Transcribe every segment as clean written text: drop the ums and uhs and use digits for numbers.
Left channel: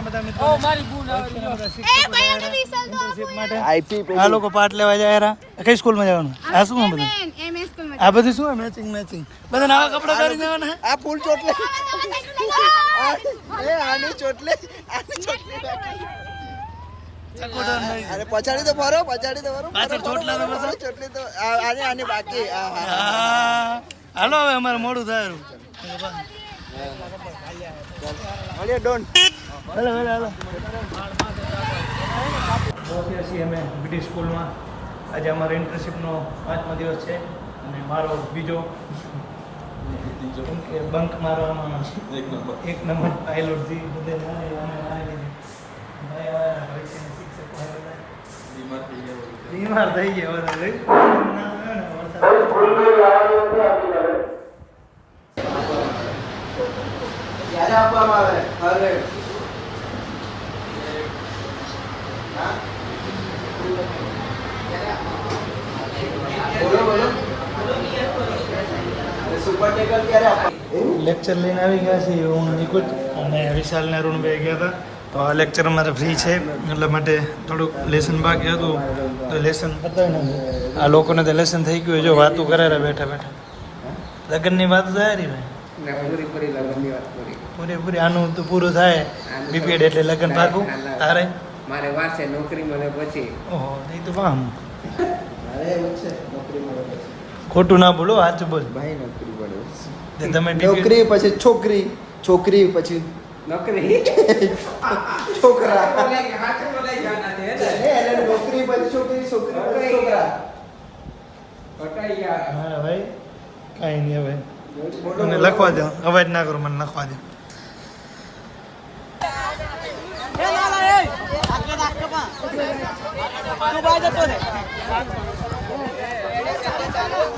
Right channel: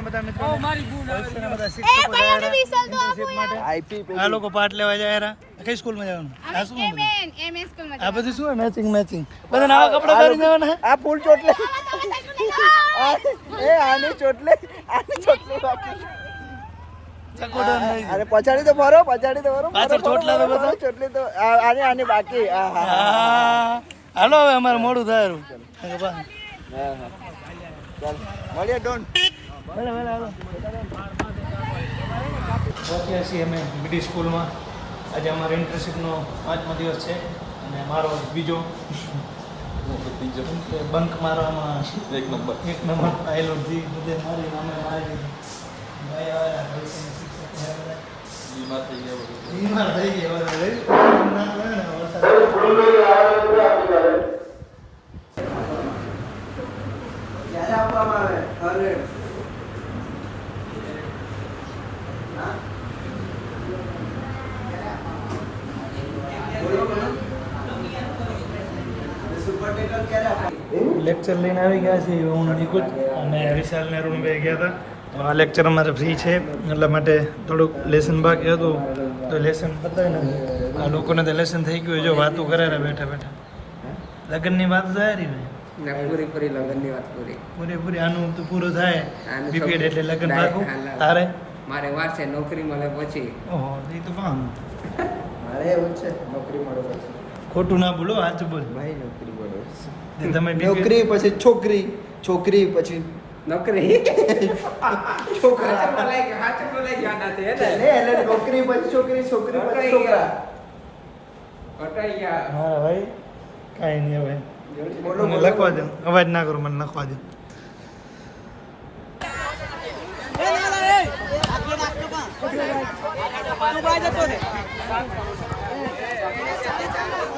છે બધા મિત્રો બધા શિક્ષકો જાય ઇન્ટર્નશિપ માટે આ લોકો પાઠ લેવા જાય કઈ સ્કૂલમાં જવાનું આ શું બધું આ બધું શું મેચિંગ બધા નવા કપડા પહેરી જવાના આ ફૂલ ચોટલે આની ચોટલે અરે પછાડી તો ભરો પાછળ ચોટલા તો બધા ચોટલી તો આને બાકી હાલો હવે અમારે મોડું થાય ડોન હાલો પહોંચ્યા છીએ અમે બીડી સ્કૂલમાં આજે અમારો ઇન્ટર્નશિપનો 5મો દિવસ છે અને મારો બીજો કેમ કે બંક મારવામાં એક નંબર પાયલોટથી બધે બીમાર થઈ ગયા લેક્ચર લઈને આવી ગયા છે હું નિકુંજ અને વિશાલ ને અરુણભાઈ ગયા હતા તો આ લેક્ચર અમારે ફ્રી છે એટલા માટે થોડુંક લેસન બાકી હતું તો લેસન બતાવી નથી આ લોકોને તો લેસન થઈ ગયું જો વાતું કરે બેઠા લગ્નની વાત થાય રહી પૂરી લગ્નની વાત પૂરી આનું તો પૂરું થાય બીપીએડ એટલે લગ્ન પાકું તારે મારે વાત છે નોકરી મળે પછી ઓહો એ તો વાહ ખોટું ના બોલો સાચું બોલ ભાઈ નોકરી મળે તમે નોકરી પછી છોકરી પછી નોકરી છોકરા નોકરી પછી છોકરી છોકરા હા ભાઈ કાંઈ નહીં હવે મને લખવા દો અવાજ ના કરો મને લખવા દો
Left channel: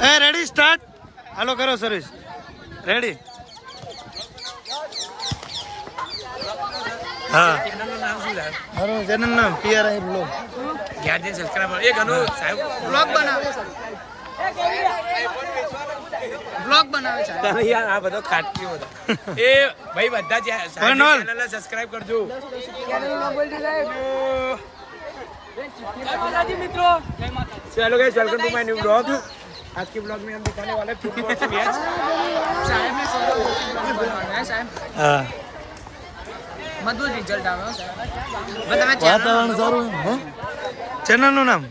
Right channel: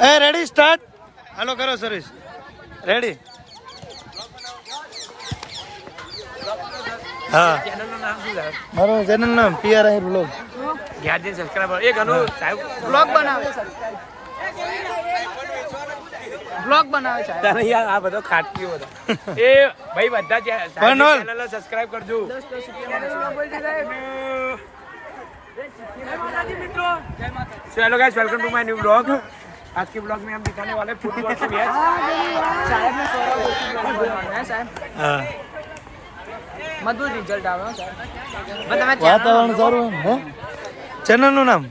એ રેડી સ્ટાર્ટ હાલો કરો સર્વિસ રેડી હા મારું ચેનલ નામ PRI બ્લોગ બ્લોગ બનાવે છે તારે યાર આ બધો ખાટકી બધો એ ભાઈ બધા જે પનોલ સબસ્ક્રાઇબ કરજો जय माता दी मित्रों जय माता दी hello guys welcome to my new blog आज के ब्लॉग में हम दिखाने वाले फुटबॉल के मैच साहब ने सोरा बोलना है साहब હા मधुर रिजल्ट આવ્યો સાહેબ વાતાવરણ સારું હે ચેનલનું નામ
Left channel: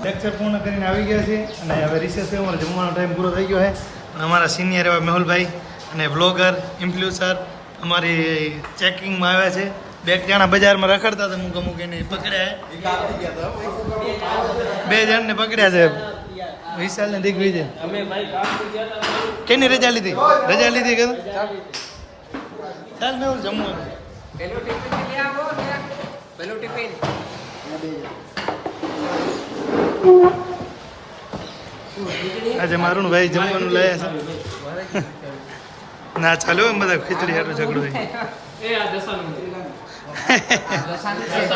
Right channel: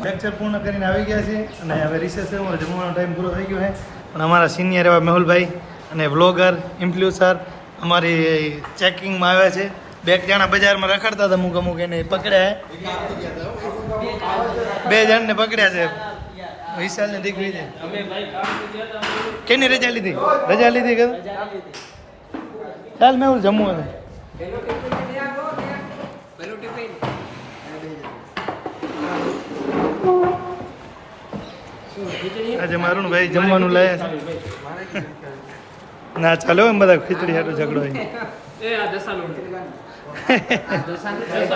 લેક્ચર પૂર્ણ કરીને આવી ગયા છે અને હવે રિસેસ છે અમારો જમવાનો ટાઈમ પૂરો થઈ ગયો છે પણ અમારા સિનિયર એવા મેહુલભાઈ અને બ્લોગર ઇન્ફ્લુએન્સર અમારી ચેકિંગમાં આવ્યા છે બે જણા બજારમાં રખડતા હતા મૂકીને પકડ્યા 2 જણને પકડ્યા છે વિશાલ ને દિગ્વિજય કેની રજા લીધી કે ચાલ મેં હું જમવાનું આજે મારું ભાઈ જમવાનું લાયા છે ના ચાલો એમ બધા ખીચડી હાટો ઝઘડો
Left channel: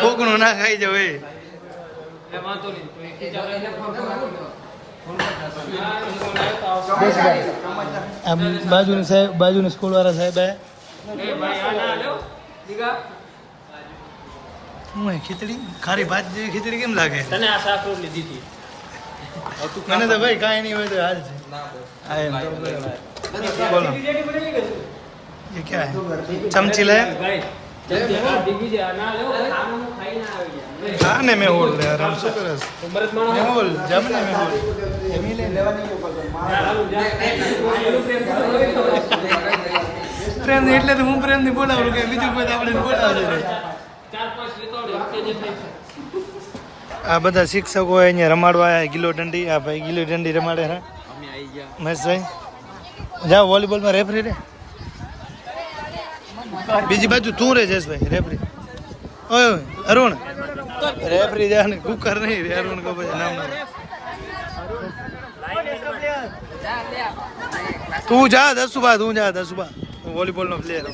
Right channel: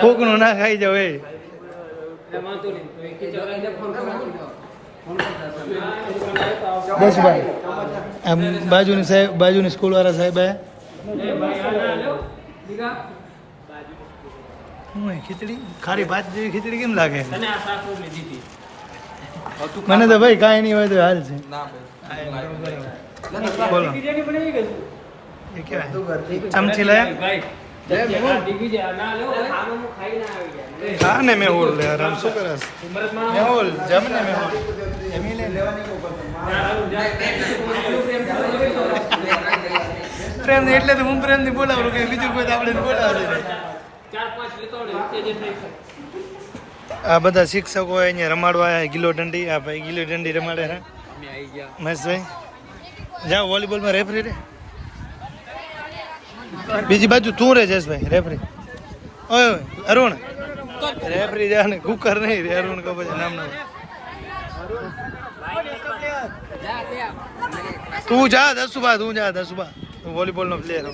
કોકનું ના ખાઈ જાવ એ બાજુની સ્કૂલ વાળા સાહેબ હું ખીચડી ખારી ભાત જેવી ખીચડી કેમ લાગે મને તો ભાઈ કાંઈ નહીં હોય તો હાલ છે બોલો ये क्या है चमची लाया खाने में होल ले आराम से कर मैं होल जमने में जमीने प्रेम ने એટલે તો હું પ્રેમ ની બોલાવું કે બીજું કોઈ આપણે બોલાવું આ બધા શિક્ષકો અહીંયા રમાડવા આયા ગિલો દંડી આ ભાઈ ગિલો દંડી રમાડે હા મસ્ત ભાઈ જાઓ વોલીબોલ માં રેફરી રે બીજી બાજુ તું રે જયેશભાઈ રેફરી ઓય અરુણ રેફરી જાને કુકર નહીં રે અરુણ કો ભાઈ નામ ના તું જા 10 સુબહ તું જા 10 સુબહ વોલીબોલ નો પ્લેયર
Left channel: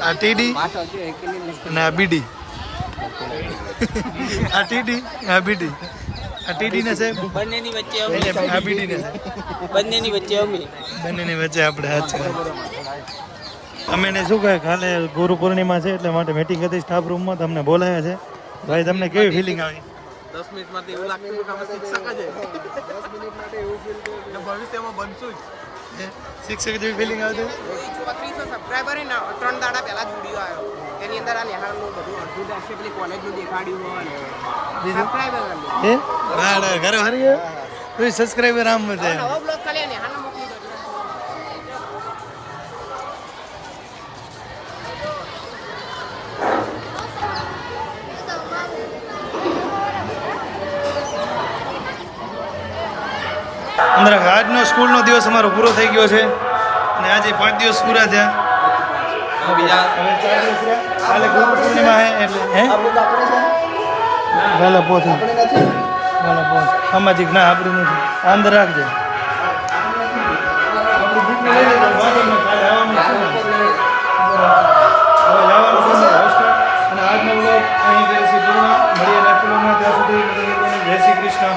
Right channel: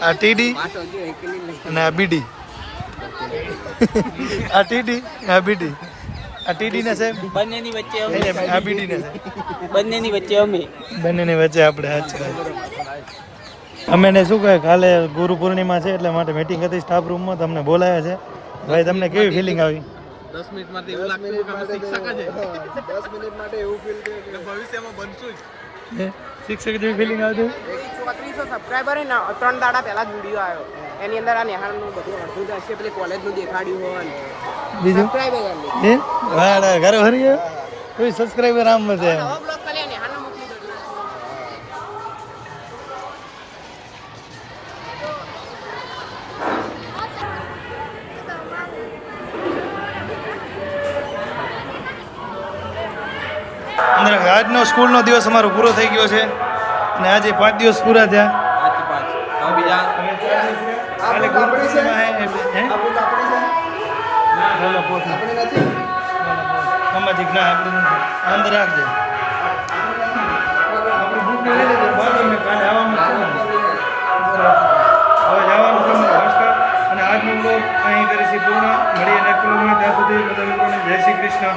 આ ટીડી અને આ બીડી આ ટીડી આ બીડી આ ટીડી ને સાહેબ બંનેની વચ્ચે આ બીડી ને બંનેની વચ્ચે અમે બંનેની વચ્ચે આપણે હાથ છે અમે ને શું કહે કાલે ગુરુ પૂર્ણિમા છે એટલે માટે મીટિંગ હતી સ્ટાફ રૂમમાં તમને બોલાયા છે ભાઈ તમને કેવી ફિલિંગ આવી 10 મિનિટમાંથી એવું લાગતું કે અમે શિક્ષક જ 10 મિનિટ માટે એવું ફીલ થયું કે ભવિષ્યમાં બનશું જ શિક્ષક જેવી ફિલિંગ આવતી 3400 સબસ્ક્રાઇબર હે ને 3 દાડા પહેલા જ વિડિયો આવ્યો એની અંદર આ નેહાલનું બધું અડધું દર્શક પેલી કોલેજનું દેખાડ્યું હોય બીજું? સબસ્ક્રાઇબર કરી વાડા ઘરે ભરી કોઈ સબસ્ક્રાઇબર આમ મતે બ્લોગ કરી નેહાલનો મોકલી દઉં અંદર આજનો સ્કૂલનો દિવસ અમારો પૂરો થઈ ગયો છે અને આજે 5 દિવસ પૂરા થયા બીજા હવે 4 દિવસ રહ્યા કાલે ગુરુ પૂર્ણિમા હે એટલે હે ભલે પોથી સામાજિક ના આપણી નથી અંદર રાખજો આપણી બુક લઈ લેજો બાદ ને કાલે આવવાનું છે ને હવે જવાનું છે નમસ્કાર અને આજનો બ્લોગ અહીં કરીશું પૂર્ણ મળીએ નેક્સ્ટ બ્લોગમાં ત્યાં સુધી બધા મિત્રોને જય શ્રી કૃષ્ણ